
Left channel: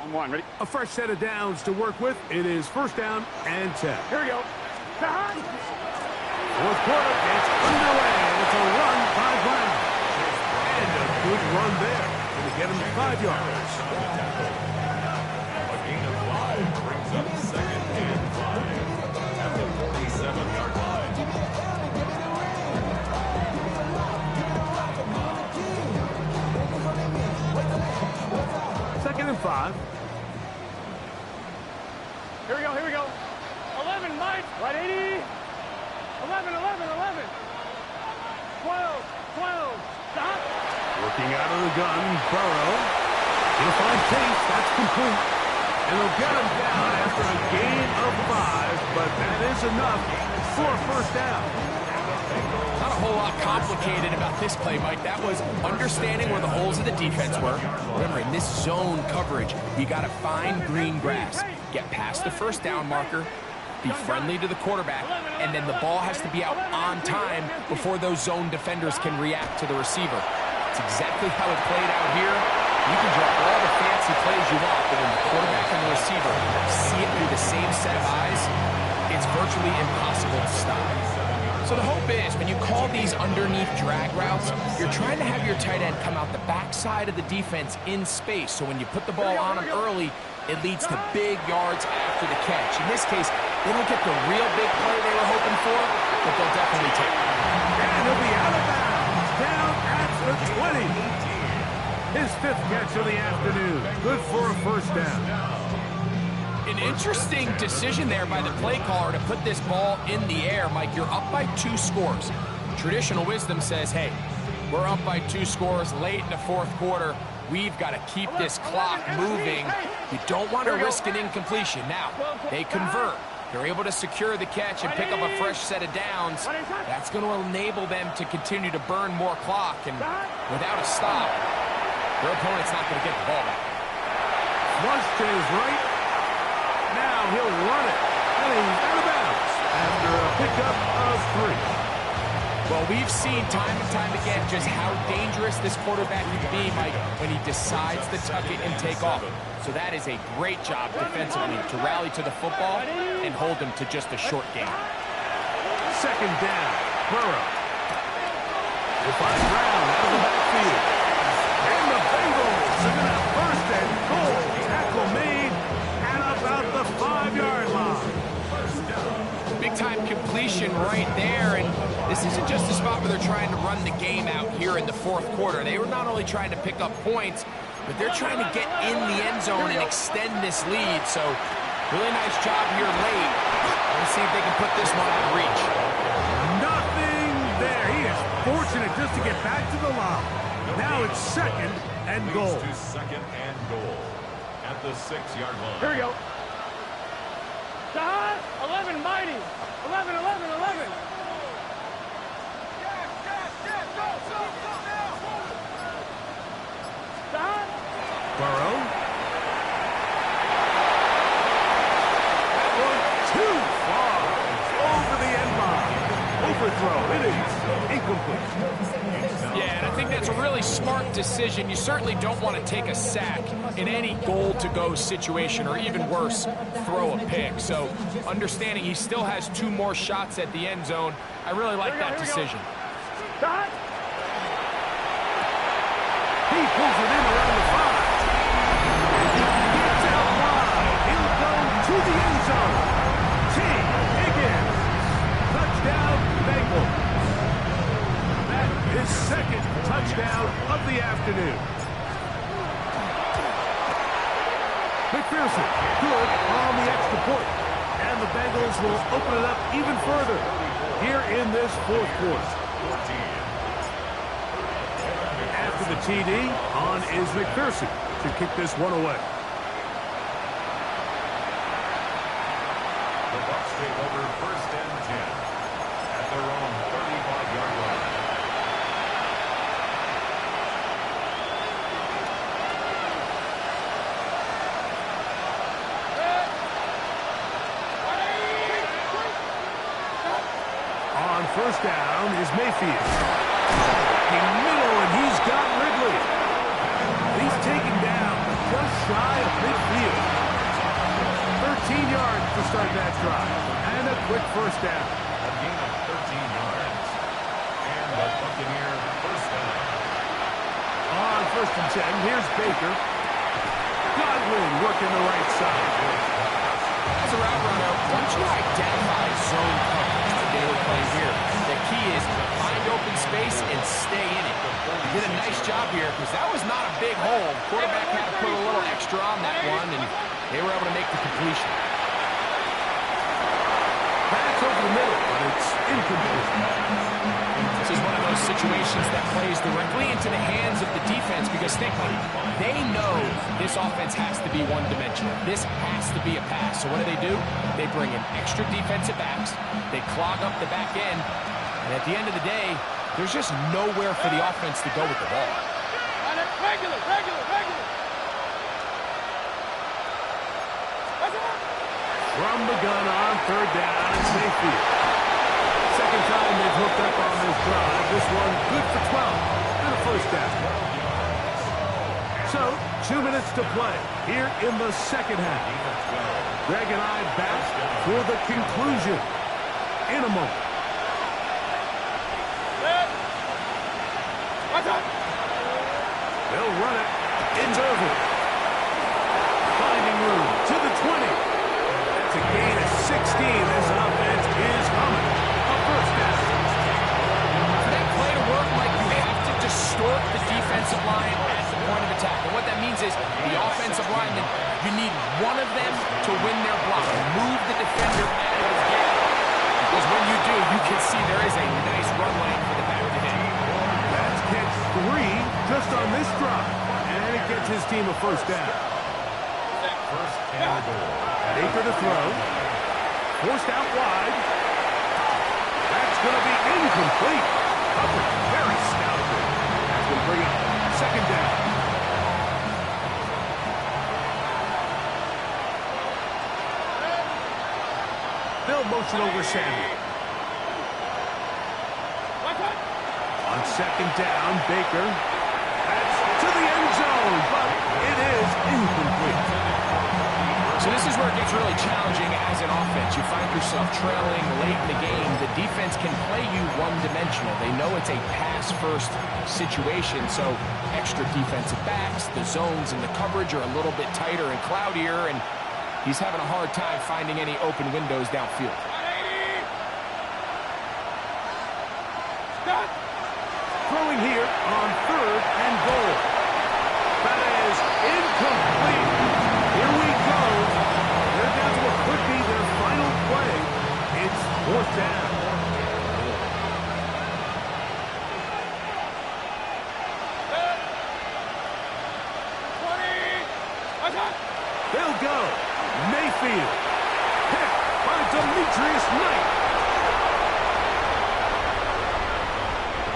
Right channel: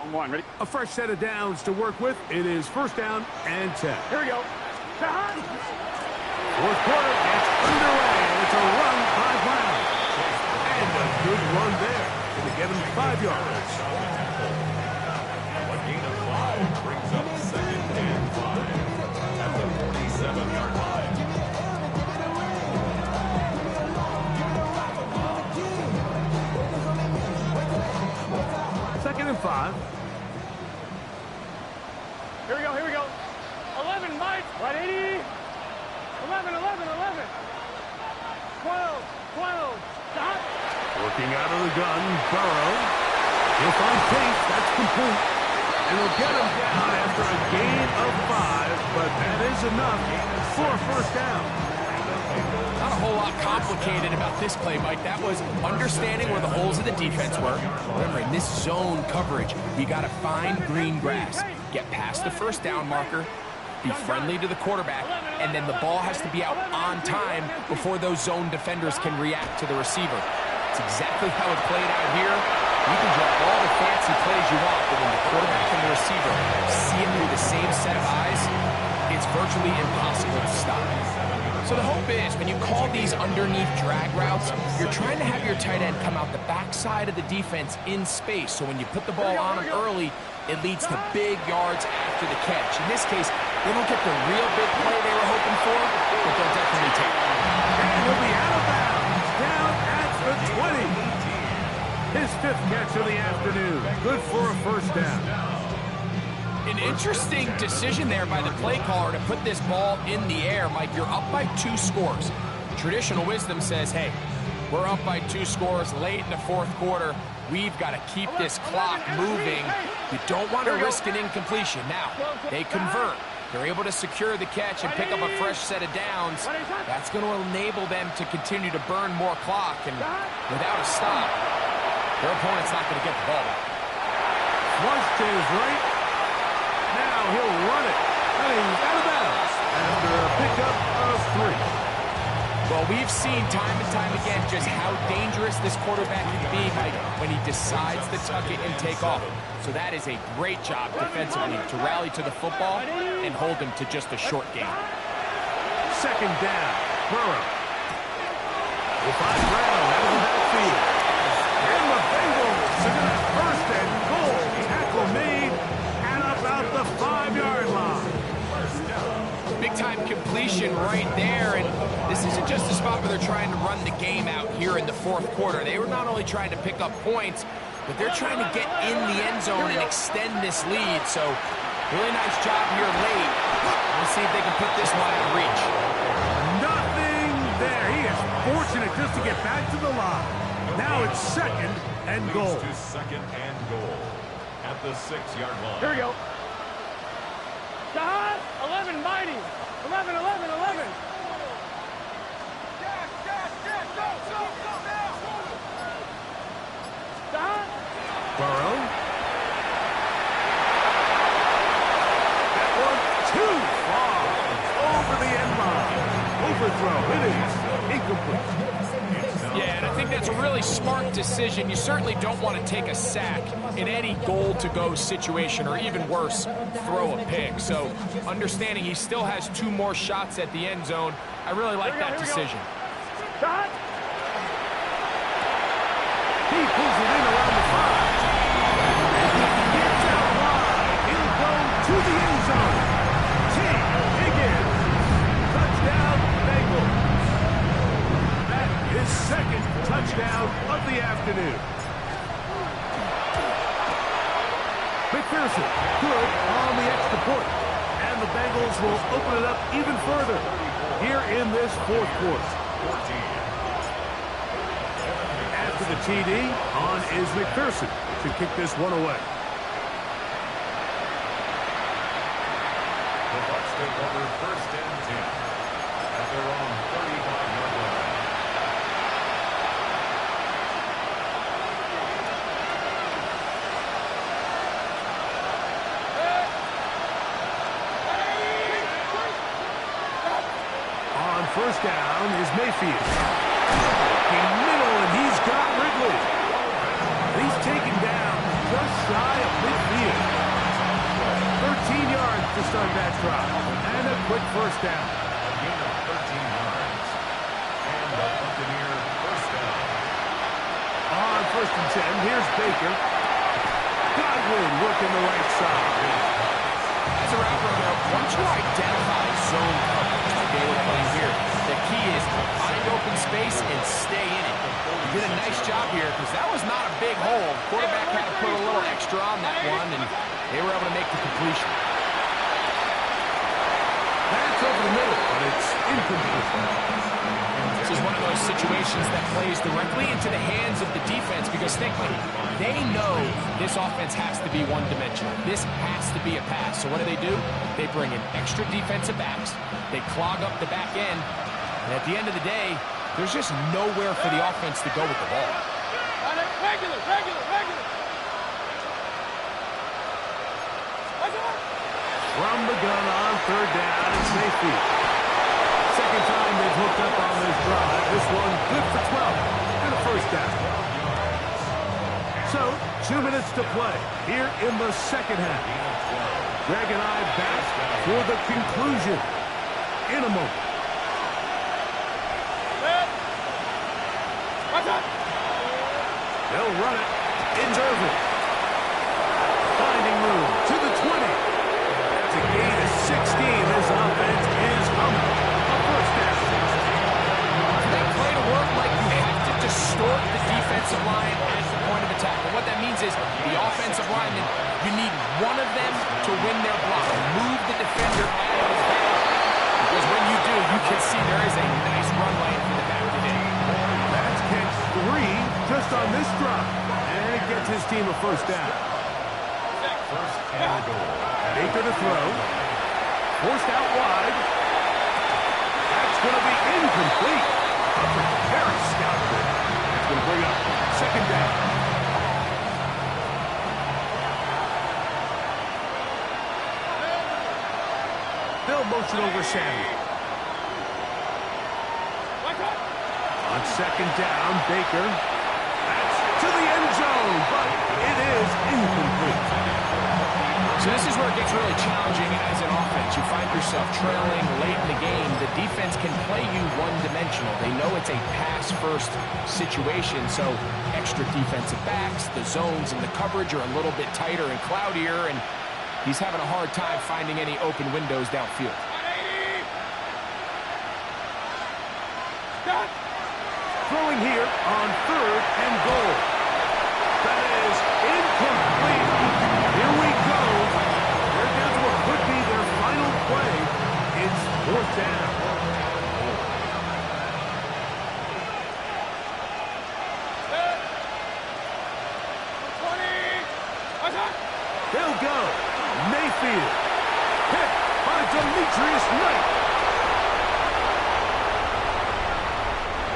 On 1, ready? A fresh set of downs to work with. It is 1st down and 10. Here we go. 4th quarter gets underway, and it's a run by Brown. And a good run there. Going to get him 5 yards. A gain of 5 brings up 2nd and 5 at the 47-yard line. 2nd and 5. Here we go, here we go. 11, Mike. 180. 11, 11, 11. 12, 12. Stop. Working out of the gun, Burrow. He'll find Chase. That's complete. And they'll get him down after a gain of 5, but that is enough for a 1st down. Not a whole lot complicated about this play, Mike. That was understanding where the holes of the defense were. Remember, in this zone coverage, you got to find green grass. Get past the 1st down marker, be friendly to the quarterback, and then the ball has to be out on time before those zone defenders can react to the receiver. It's exactly how it played out here. You can draw all the fancy plays you want, but when the quarterback and the receiver see it through the same set of eyes, it's virtually impossible to stop. So the hope is, when you call these underneath drag routes, you're trying to have your tight end come out the backside of the defense in space. So when you put the ball on him early, it leads to big yards after the catch. In this case, they don't get the real big play they were hoping for, but they'll definitely take it. And he'll be out of bounds, down at the 20. His 5th catch of the afternoon. Good for a 1st down. An interesting decision there by the play caller to put this ball in the air. Mike, you're up by 2 scores. Traditional wisdom says, hey, we're up by 2 scores late in the 4th quarter. We've got to keep this clock moving. You don't want to risk an incompletion. Now, they convert. They're able to secure the catch and pick up a fresh set of downs. That's going to enable them to continue to burn more clock. And without a stop, their opponent's not going to get the ball back. Flush to his right. Now he'll run it. And he's out of bounds after a pickup of 3. Well, we've seen time and time again just how dangerous this quarterback can be, Mike, when he decides to tuck it and take off. So that is a great job defensively to rally to the football and hold him to just a short gain. 2nd down, Burrow. We'll find Brown out of the backfield. And the Bengals are going to have 1st and goal. Tackle made and about the 5-yard line. Big-time completion right there, and this isn't just a spot where they're trying to run the game out here in the 4th quarter. They were not only trying to pick up points, but they're trying to get in the end zone and extend this lead. So Really nice job here late. Let's see if they can put this one out of reach. Nothing there. He is fortunate just to get back to the line. Now it's second and goal. To second and goal at the 6-yard line. Here we go. Jahan, 11, mighty. 11, 11, 11. Jack, go now. Jahan. Burrow. That one too far over the end line. Overthrow. It is incomplete. Yeah, and I think that's a really smart decision. You certainly don't want to take a sack in any goal-to-go situation, or even worse, throw a pick. So understanding he still has 2 more shots at the end zone, I really like that decision. Jahan. He pulls it in around the 5. And he gets out wide. He'll go to the end zone. T. Higgins. Touchdown, Bengals. That is second touchdown of the afternoon. McPherson, good on the extra point. And the Bengals will open it up even further here in this fourth quarter. After the TD, on is McPherson to kick this one away. The Bucs take over first and 10 at their own 35-yard line. On first down is Mayfield. In middle, and he's got Ridley. He's taken down just shy of midfield. 13 yards to start that drive. And a quick first down. A gain of 13 yards. And the Buccaneer first down. On first and 10, here's Baker. Godwin working the right side. As a route runner, once you identify zone coverage like they were playing here, the key is find open space and stay in it. You did a nice job here because that was not a big hole. Quarterback had to put a little extra on that one, and they were able to make the completion. That's over the middle, but it's incomplete. This is one of those situations that plays directly into the hands of the defense because think about it. They know this offense has to be one-dimensional. This has to be a pass. So what do? They bring in extra defensive backs. They clog up the back end. And at the end of the day, there's just nowhere for the offense to go with the ball. Regular. From the gun on third down, it's Mayfield. Second time they've hooked up on this drive. This one good for 12 and a first down. So, 2 minutes to play here in the second half. Greg and I back for the conclusion in a moment. They'll run it. It's Irvin. Finding room to the 20. That's a gain of 16. This offense is humming. A first down. For that play to work, Mike, you have to distort the defensive line at the point of attack. And what that means is the offensive lineman, you need one of them to win their block. Move the defender out of his gap. Because when you do, you can see there is a nice run lane for the back to hit. That's catch 3 just on this drive. And it gets his team a first down. First and goal. Baker to throw. Forced out wide. That's going to be incomplete. Hubbard, very stout there. That's going to bring up second down. They'll motion over Samuel. On second down, Baker. That's to the end zone, but it is incomplete. So this is where it gets really challenging as an offense. You find yourself trailing late in the game. The defense can play you one-dimensional. They know it's a pass-first situation, so extra defensive backs, the zones and the coverage are a little bit tighter and cloudier, and he's having a hard time finding any open windows downfield. Throwing here on third and goal. That is incomplete. Here we go. They're down to play. It's 4th down. They'll go. Mayfield. Picked by Demetrius Knight.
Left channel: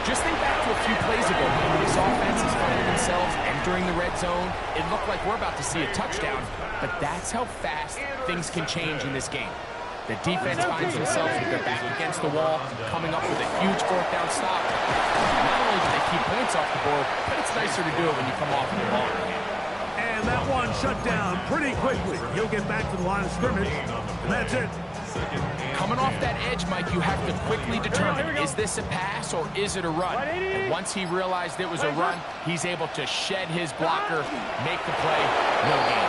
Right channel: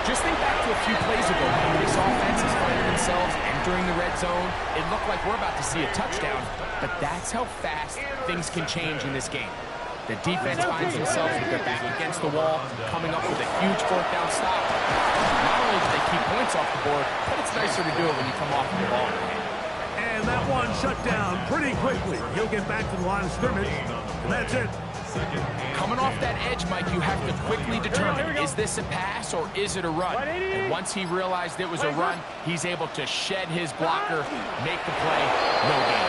Just think back to a few plays ago when this offense is finding themselves entering the red zone. It looked like we're about to see a touchdown, but that's how fast things can change in this game. The defense finds themselves with their back against the wall, coming up with a huge 4th down stop. Not only do they keep points off the board, but it's nicer to do it when you come off with the ball in your hand. And that one shut down pretty quickly. He'll get back to the line of scrimmage, and that's it. Coming off that edge, Mike, you have to quickly determine, is this a pass or is it a run? And once he realized it was a run, he's able to shed his blocker, make the play, no gain.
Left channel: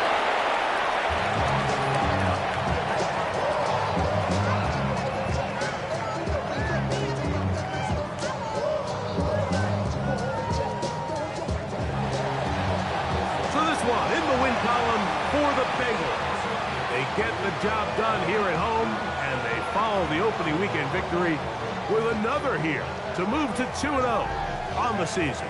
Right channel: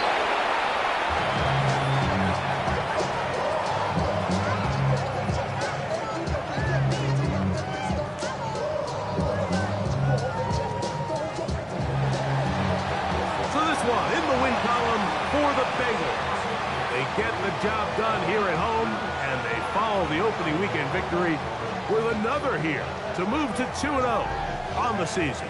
So this one in the win column for the Bengals. They get the job done here at home, and they follow the opening weekend victory with another here to move to 2-0 on the season.